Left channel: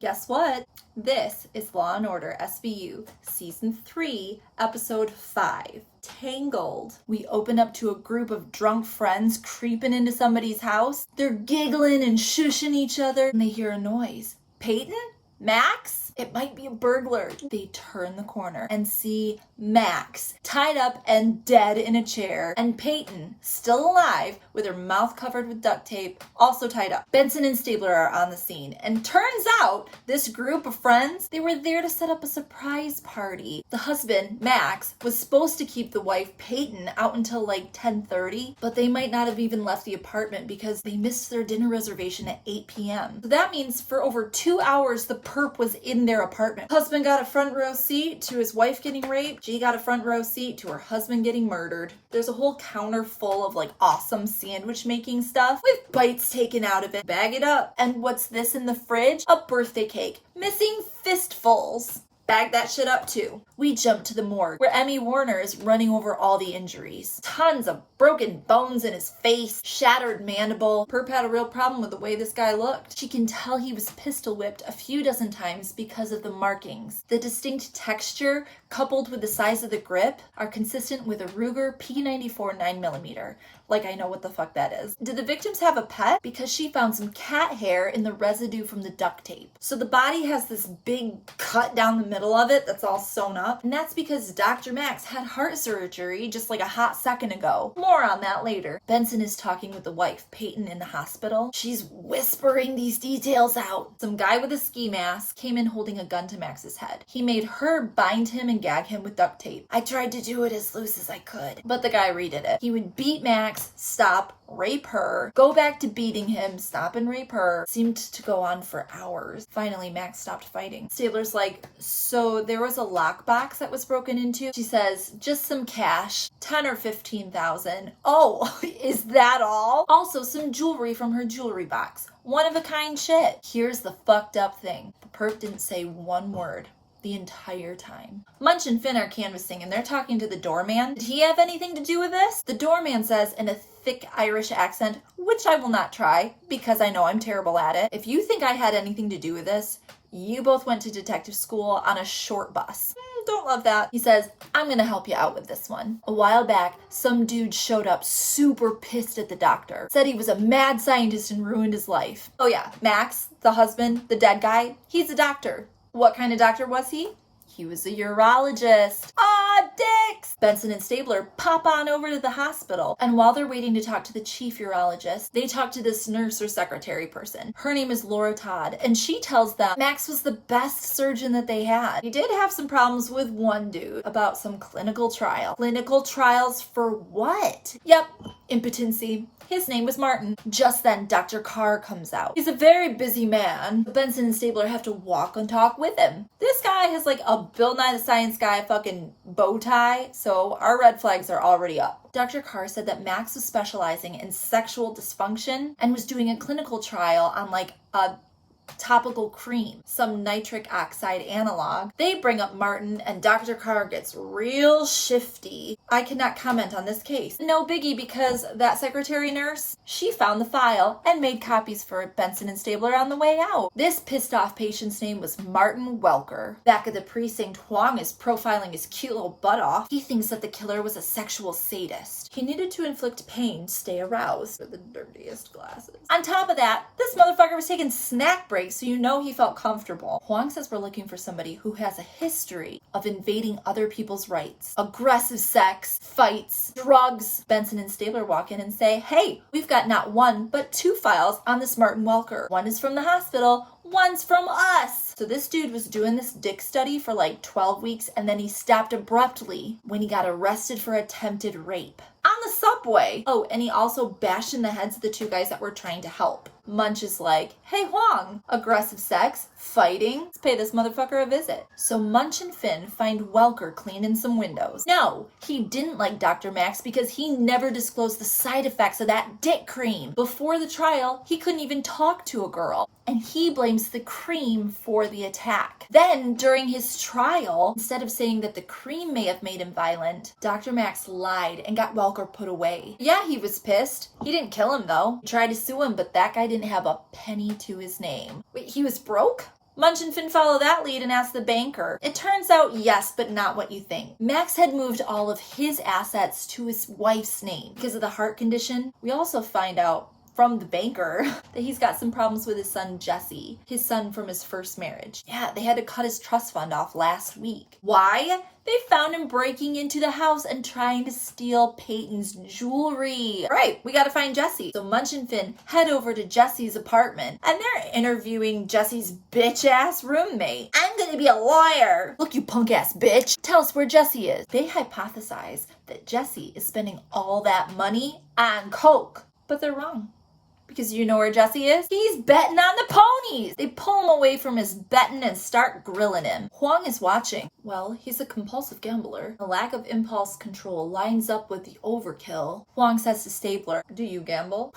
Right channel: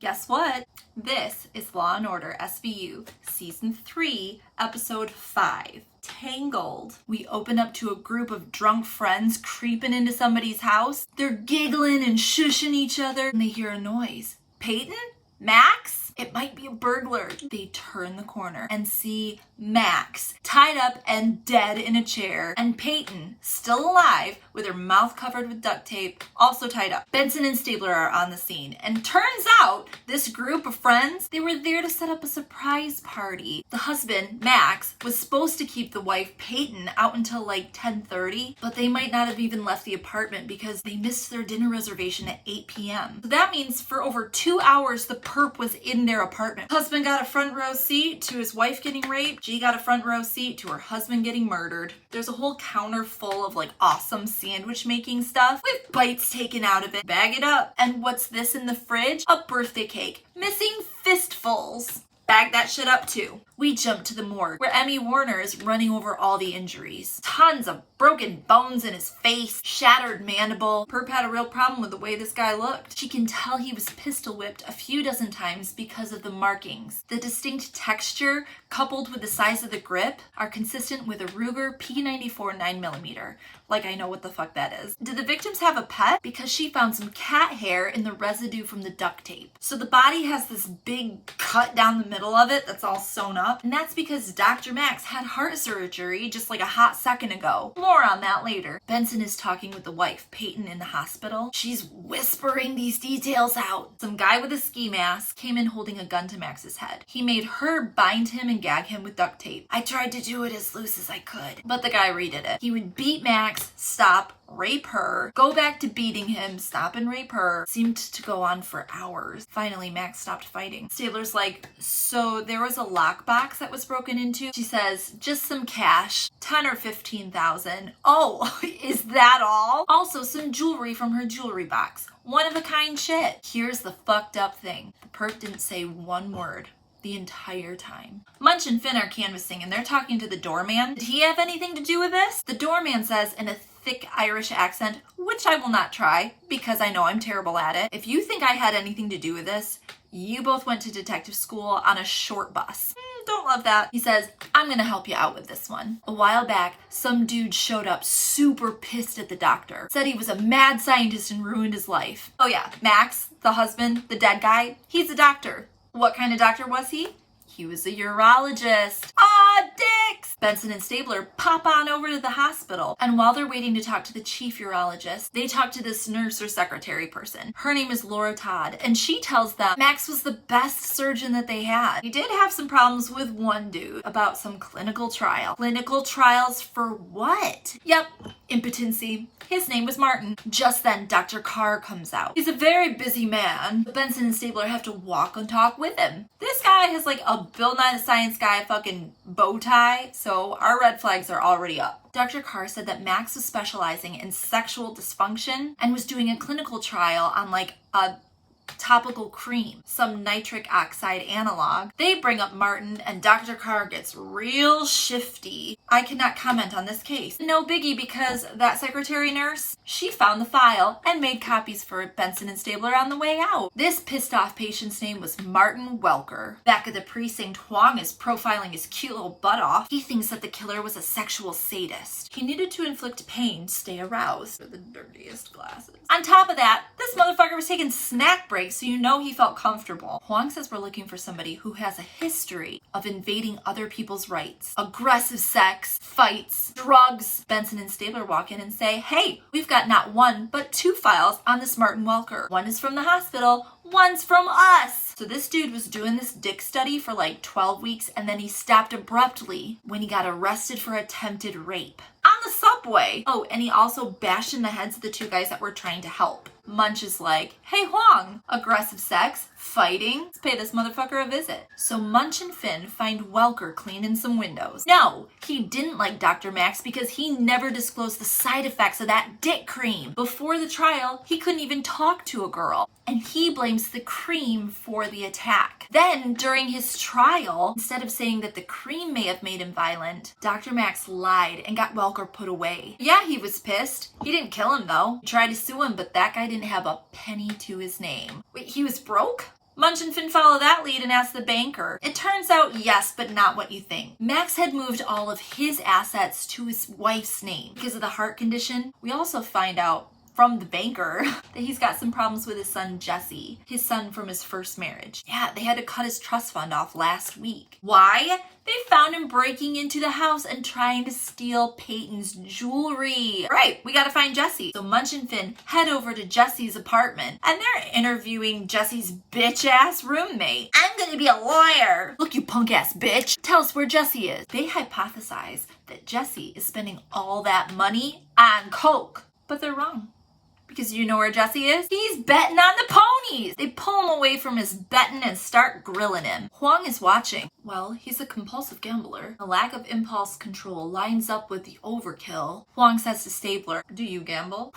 Guess what? This is Law & Order SVU, Season 3, Episode 5, Tangled. We open up to a group of drunk friends creeping into somebody's house. They're giggling and shushing each other, and they hear a noise. Peyton? Max? It might be a burglar. They turn the corner and see Max tied up and dead in a chair, and Peyton, still alive, with her mouth covered with duct tape, also tied up. Benson and Stabler are on the scene, and turns out this group of friends, they were there to set up a surprise party. The husband, Max, was supposed to keep the wife, Peyton, out until like 10:30, but they might not have even left the apartment because they missed their dinner reservation at 8 p.m. So that means for over 2 hours, the perp was in their apartment. Husband got a front row seat to his wife getting raped. She got a front row seat to her husband getting murdered. There's a whole counter full of like awesome sandwich making stuff with bites taken out of it. Bag it up. And what's this in the fridge? A birthday cake. Missing fistfuls. Bag that shit up too. We jump to the morgue where Emmy Warner is running over all the injuries. Tons of broken bones in his face, shattered mandible. Perp had a real problem with the way this guy looked. She can tell he was pistol whipped a few dozen times because of the markings. The distinct texture coupled with the size of the grip are consistent with a Ruger P94 9mm. Like I know what the fuck that is. Did the victims have a pet? Because she found some cat hair in the residue from the duct tape. So the body has this big cut down the middle of it that's all sewn up. And that's because Dr. Max had heart surgery just like a hot second ago. More on that later. Benson is talking with the wife, Peyton, in the hospital. She's whispering these details out. Some guy with a ski mask came in holding a gun to Max's head. He made her bind him and gag him with duct tape. I tried to do it as loose as I could, but the guy redid it. He would beat Max, stop, rape her, go back to beating him, stop and rape her. Seemed to go on for hours. Finally, Max stopped fighting. Stabler's like, so there was a lockbox that was broken into? She says, just some cash, 10 or 15,000. Oh, is that all? Also, some jewelry from her jewelry box. One of a kind shit. Here's the fucked up thing. The perp didn't say one word the entire time. Munch and Finn are canvassing and they're talking to the doorman. Did he have anything to do with this? The doorman says in a thick Irish accent, which I will not try because I know I'm terrible at it. If you think I had anything to do with this, you both went to detective school on a short bus. Don't love that. He says, I'm gonna help you out with this one. A while back, some dude showed up super pissed at the doctor. Said he was a mad scientist and ruined his life. Oh yeah, Max, the husband, the dead guy, he's a doctor. What kind of doctor was he? He was a urologist. Ah, dicks! Benson and Stabler pop on over to the hospital, and while they're waiting to talk to the chief urologist, they talk to this nurse or secretary person. Her name is Laura Todd, and she tells them Max was the best surgeon that they had. He did have some problems with one dude about some clinical trial. Clinical trials for what? Yep, impotency. His name was Martin. Just then, Dr. Carr comes out. He's a very busy man. Benson and Stabler have to walk and talk with him. This guy has like a Bill Nye the Science Guy fucking bow tie, so our red flags are already up. Dr. Carr said that Max was specializing in sexual dysfunction and was doing a clinical trial on like a topical cream, some nitric oxide analog. They bring up Martin and Dr. Carr gets real shifty. I cannot comment on this case. No biggie because that secretary nurse, she found the file and made copies for Benson and Stabler on the way out. This pissed off patient's name was Martin Welker. Back at the precinct, Huang is profiling his cute little butt off. He thinks that the killer was a sexual sadist. He needed to inflict pain to stay aroused for the dirtiest glasses. On top of that, this motherfucker was taking snack breaks, so you know he felt comfortable. Huang says we're looking for somebody who has a history of invading other people's rights. Aggressive sex, fights, drugs. Benson and Stabler walk in and say, hey, we've got not one, but 2 files on this Martin Welker. One is from the hospital, one's from us. So this dude was doing this dick study for like 12 weeks and then he stopped abruptly when he got arrested for attempted rape. On the subway. Oh, and he also bashed in the heads of the 2 guys that were trying to help. Munch is like, hey Huang, aggressive sex, fighting, let's pay this motherfucker a visit. So Munch and Finn find Welker cleaning some windows. No, he didn't like Dr. Max because he never disclosed the side effects of that dick cream. Before the trial, he couldn't even talk to a girl. And he blames the cream for the attack. Then, during his trial, instead of saying that the cream may have made him violent, Dr. Max lied and got Welker put away. Yeah, he was pissed. He didn't kill him though. He tried to sue him, but that guy didn't have a penny to his name. Wait, he was broke? Munch and Finn follow that lead and ask the banker. It turns out yes, but not what you think. Max had moved all of his assets to his wife's name because of the heart condition. We also find out from the banker that he's got some problems with his son Jesse, his son from his first marriage. Yeah, they had to cut his trust fund off last week. Why? They found him breaking into the house and trying to steal Peyton's jewelry. Right, we gotta find Jesse. So Munch and Finn head over to Jesse's apartment and they're interviewing Jesse's bitch-ass roommate. I'm gonna be a lawyer. Look, you punk-ass bitch. Tell us where Jesse is. They hypothesize that Jesse is spending all that money on coke, but they're wrong. Because you know where Jesse is? He's betting on the ponies. They pull him away from his betting and start grilling him. Huang is watching. Well, he's a compulsive gambler. The lack of impulse control lines up with the overkill. Huang says to Stabler, do you gamble?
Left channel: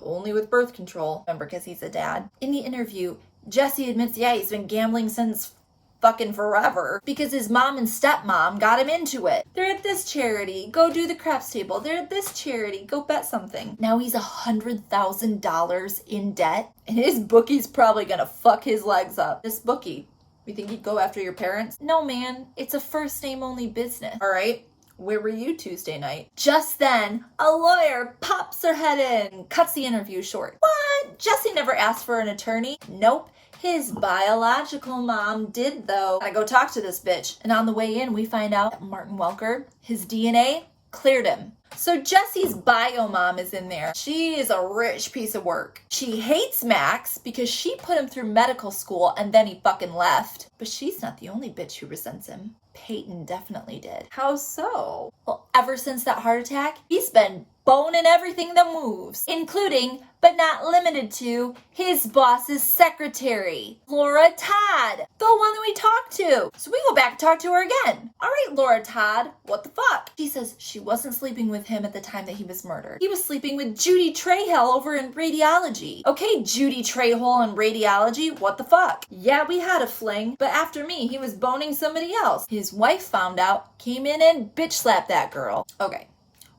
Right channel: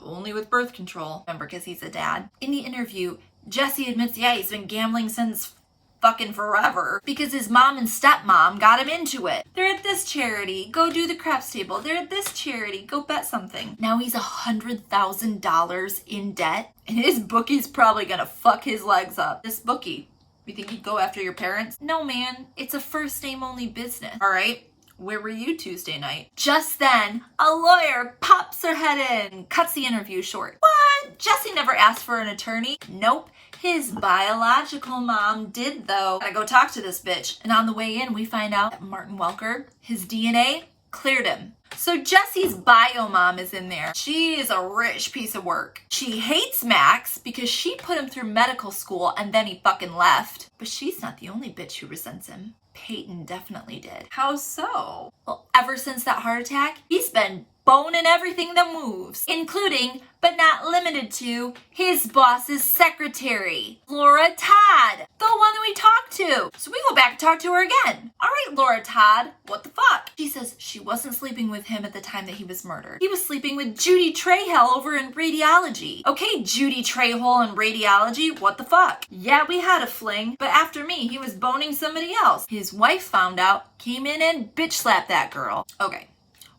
Only with birth control. Remember, because he's a dad. In the interview, Jesse admits, yeah, he's been gambling since fucking forever because his mom and stepmom got him into it. They're at this charity, go do the craps table. They're at this charity, go bet something. Now he's $100,000 in debt and his bookie's probably gonna fuck his legs up. This bookie, you think he'd go after your parents? No, man, it's a first name only business. All right, where were you Tuesday night? Just then, a lawyer pops her head in, cuts the interview short. What? Jesse never asked for an attorney? Nope. His biological mom did, though. Gotta go talk to this bitch. And on the way in, we find out that Martin Welker, his DNA, cleared him. So Jesse's bio mom is in there. She is a rich piece of work. She hates Max because she put him through medical school and then he fucking left. But she's not the only bitch who resents him. Peyton definitely did. How so? Well, ever since that heart attack, he's been boning everything that moves, including, but not limited to, his boss's secretary, Laura Todd, the one that we talked to. So we go back and talk to her again. All right, Laura Todd, what the fuck? She says she wasn't sleeping with him at the time that he was murdered. He was sleeping with Judy Trahell over in radiology. Okay, Judy Trahell in radiology, what the fuck? Yeah, we had a fling, but after me, he was boning somebody else. His wife found out, came in and bitch slapped that girl. Okay.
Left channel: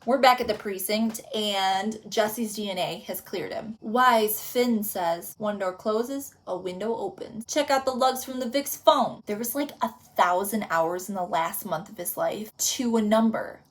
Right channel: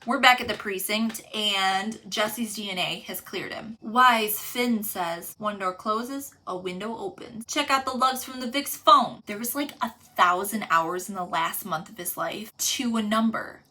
We're back at the precinct and Jesse's DNA has cleared him. Wise Finn says, one door closes, a window opens. Check out the logs from the Vic's phone. There was like 1,000 hours in the last month of his life to a number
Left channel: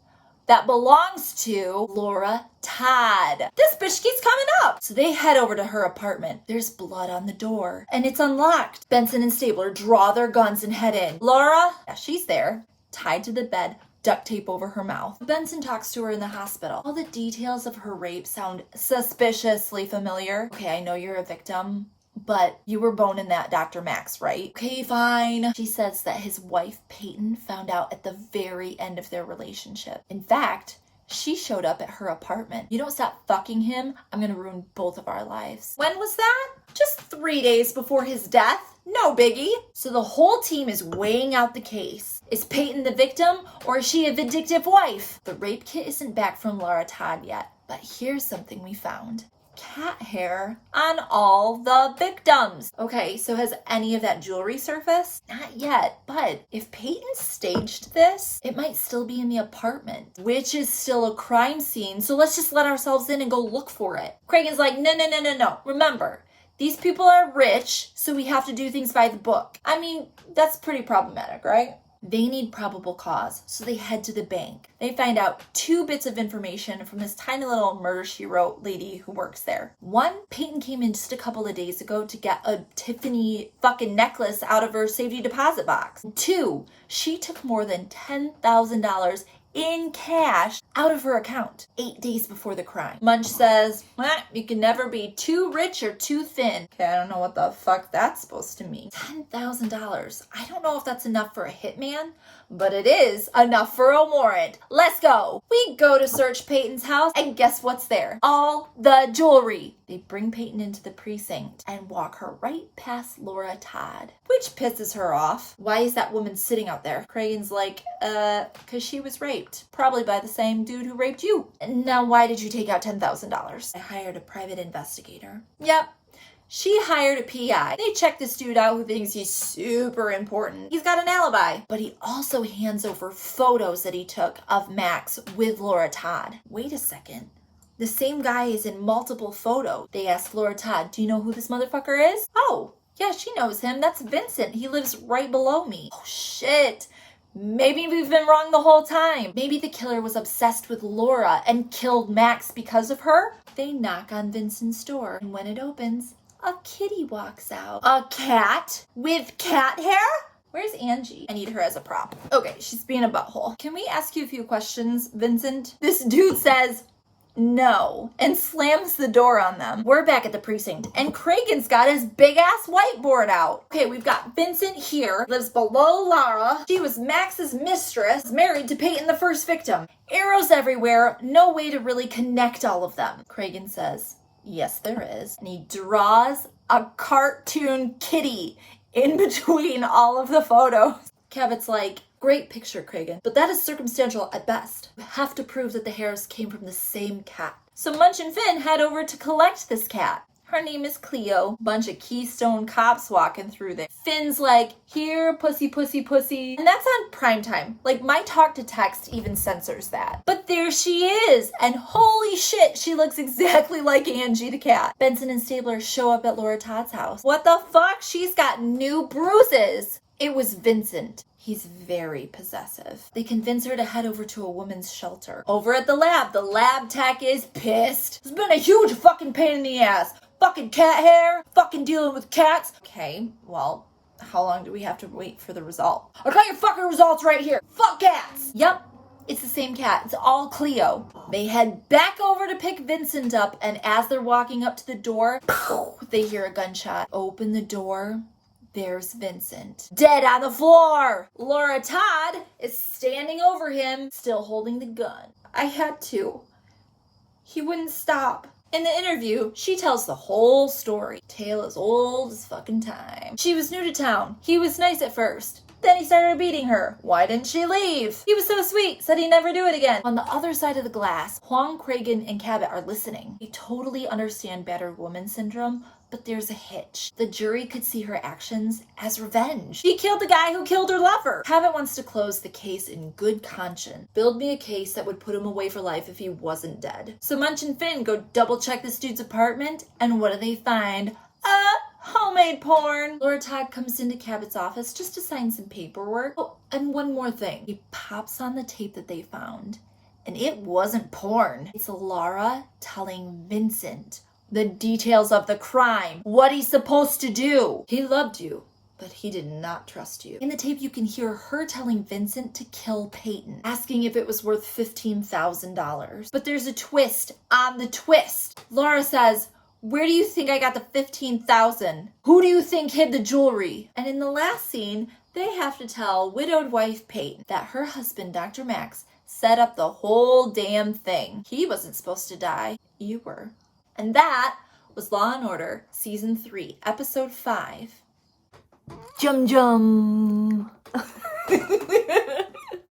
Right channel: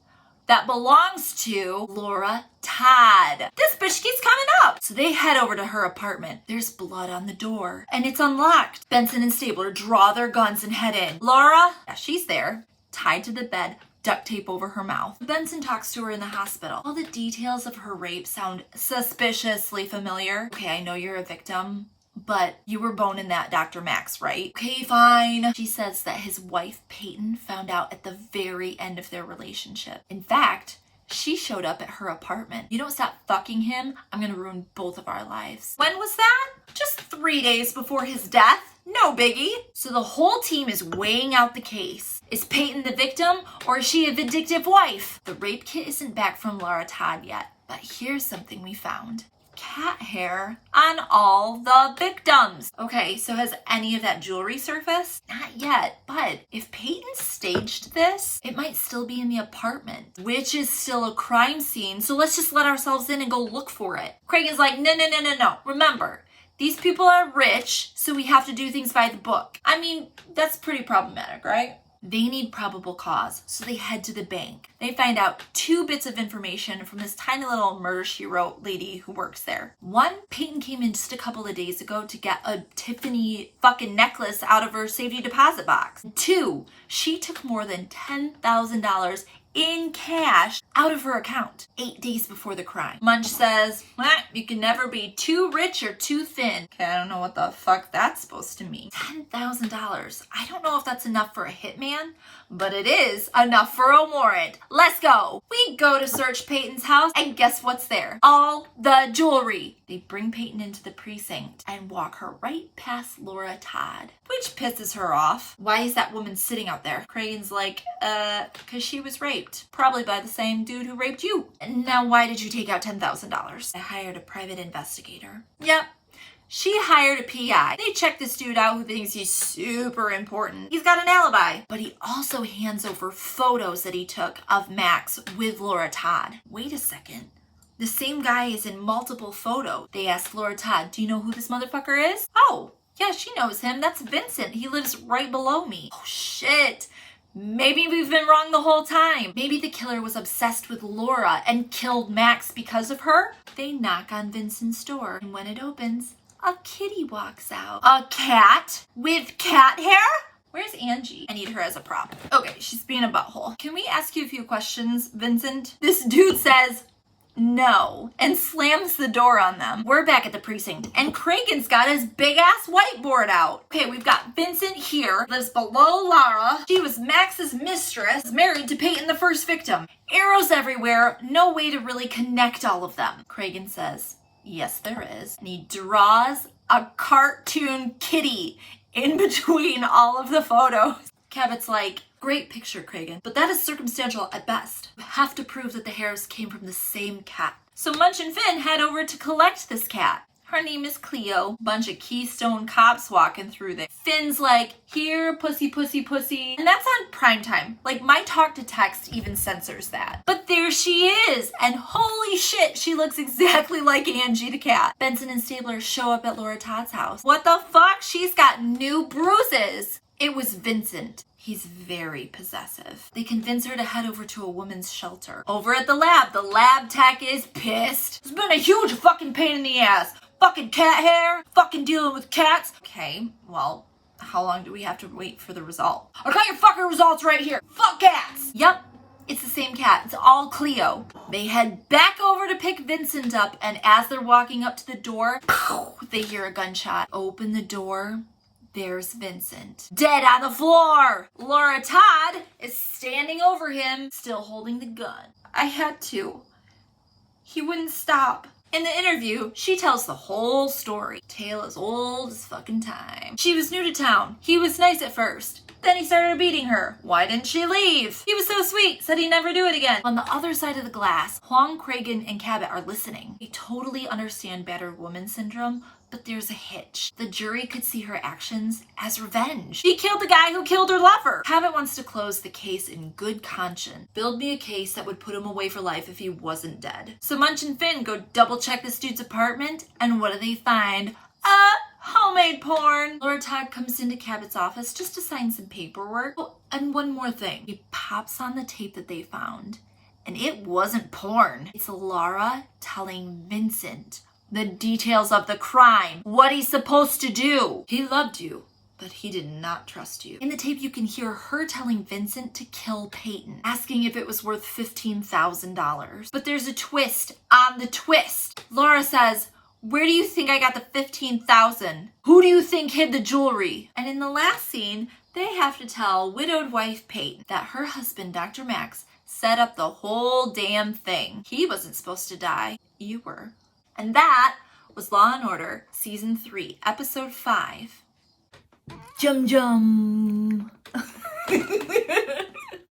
that belongs to Laura Todd. This bitch keeps coming up. So they head over to her apartment. There's blood on the door and it's unlocked. Benson and Stabler draw their guns and head in. Laura, yeah, she's there, tied to the bed, duct tape over her mouth. Benson talks to her in the hospital. All the details of her rape sound suspiciously familiar. Okay, I know you're a victim, but you were boning that Dr. Max, right? Okay, fine. She says that his wife, Peyton, found out at the very end of their relationship. In fact, she showed up at her apartment. You don't stop fucking him, I'm gonna ruin both of our lives. When was that? Just 3 days before his death. No biggie. So the whole team is weighing out the case. Is Peyton the victim or is she a vindictive wife? The rape kit isn't back from Laura Todd yet, but here's something we found. Cat hair on all the victims. Okay, so has any of that jewelry surfaced? Not yet, but if Peyton staged this, it might still be in the apartment, which is still a crime scene. So let's just let ourselves in and go look for it. Craig is like, no. Remember, these people are rich, so we have to do things by the book. I mean, that's pretty problematic, right? They need probable cause, so they head to the bank. They find out 2 bits of information from this tiny little murder she wrote lady who works there. 1, Peyton came in just a couple of days ago to get a Tiffany fucking necklace out of her safety deposit box. 2, she took more than $10,000 in cash out of her account 8 days before the crime. Munch says, you can never be too rich or too thin. Okay, I don't know what the fuck that's supposed to mean. $10,000. I don't know if that's enough for a hitman, but it is enough for a warrant. Let's go. We go to search Peyton's house and guess what's there? All the jewelry. They bring Peyton into the precinct and walk her right past Laura Todd, which pisses her off. Why is that woman sitting out there? Cragen's like, cause she was raped. Probably by the same dude who raped you. Now, why did you take out $10,000? I hired a private investigator. Yep. She hired a PI. They check this dude out who thinks he's super important. He's got an alibi. But he also hands over photos that he took of Max with Laura Todd. Wait a second. The same guy is in multiple photos. They ask Laura Todd, do you know who this motherfucker is? Oh, Yeah, she knows him. That's Vincent. He lives right below me. Oh, shit. Maybe we've been wrong the whole time. Maybe the killer was obsessed with Laura and killed Max because of her. They knock on Vincent's door, and when it opens, a kitty walks out. A cat with cat hair? Where's Angie? I need her as a prop. Okay, she's being a butthole. Can we ask you a few questions, Vincent? This dude says no and slams the door on them. We're back at the precinct, and Cragen's got his big ass whiteboard out. Okay, we've got Vincent here, lives below Lara. She was Max's mistress, married to Peyton, the first victim. Arrows everywhere, no way to really connect all of them. Cragen says, yes, there is. And he draws a cartoon kitty in between all of the photos. Cabot's like, great picture, Cragen, but that is circumstantial at best. We have to prove that the hairs came from the same cat. So Munch and Finn head over to collect this cat. Her name is Cleo. Bunch of Keystone cops walking through there. Finn's like, here, pussy, pussy, pussy. And that's on primetime. Like, my talk to text even censors that. But there she is. And holy shit, she looks exactly like Angie the cat. Benson and Stabler show up at Laura Todd's house. What the fuck? She's got new bruises. It was Vincent. He's very possessive. They convince her to head over to a woman's shelter. Over at the lab tech is pissed. It's been a huge fucking pain in the ass. Fucking cat hair. Fucking dealing with cats. Okay, well, how long do we have to wait for the result? I got your fucking results right here. Fuck cats. Yep, it's the same cat. It's all Cleo. They head back over to pick Vincent up, and as they're walking up to the door, they hear a gunshot. Open the door. There's Vincent, dead on the floor. Laura Todd is standing over him, still holding the gun. I had to. He wouldn't stop. In the interview, she tells the whole story. Tale as old as fucking time. She was new to town. He was nice at first. Then he started beating her. Why didn't she leave? He was so sweet, said he'd never do it again. On the other side of the glass, Huang, Cragen, and Cabot are listening. They totally understand battered woman syndrome, but there's a hitch. The jury could see her actions as revenge. He killed the guy who killed her lover. Cabot wants to close the case in good conscience. Build me a case that would put him away for life if he wasn't dead. So Munch and Finn go double check this dude's apartment, and what do they find? Homemade porn. Laura Todd comes into Cabot's office just to sign some paperwork. Oh, and one more thing. He pops on the tape that they found, and it wasn't porn. It's Laura telling Vincent the details of the crime, what he's supposed to do. He loved you, but he did not trust you. In the tape, you can hear her telling Vincent to kill Peyton, asking if it was worth $15,000. But there's a twist on the twist. Laura says, where do you think I got the $15,000? Who do you think hid the jewelry? And in the last scene, they have to tell widowed wife Peyton that her husband, Dr. Max, set up the whole damn thing. He wasn't supposed to die. You were. And that was Law & Order, Season 3, Episode 5. Jum jum.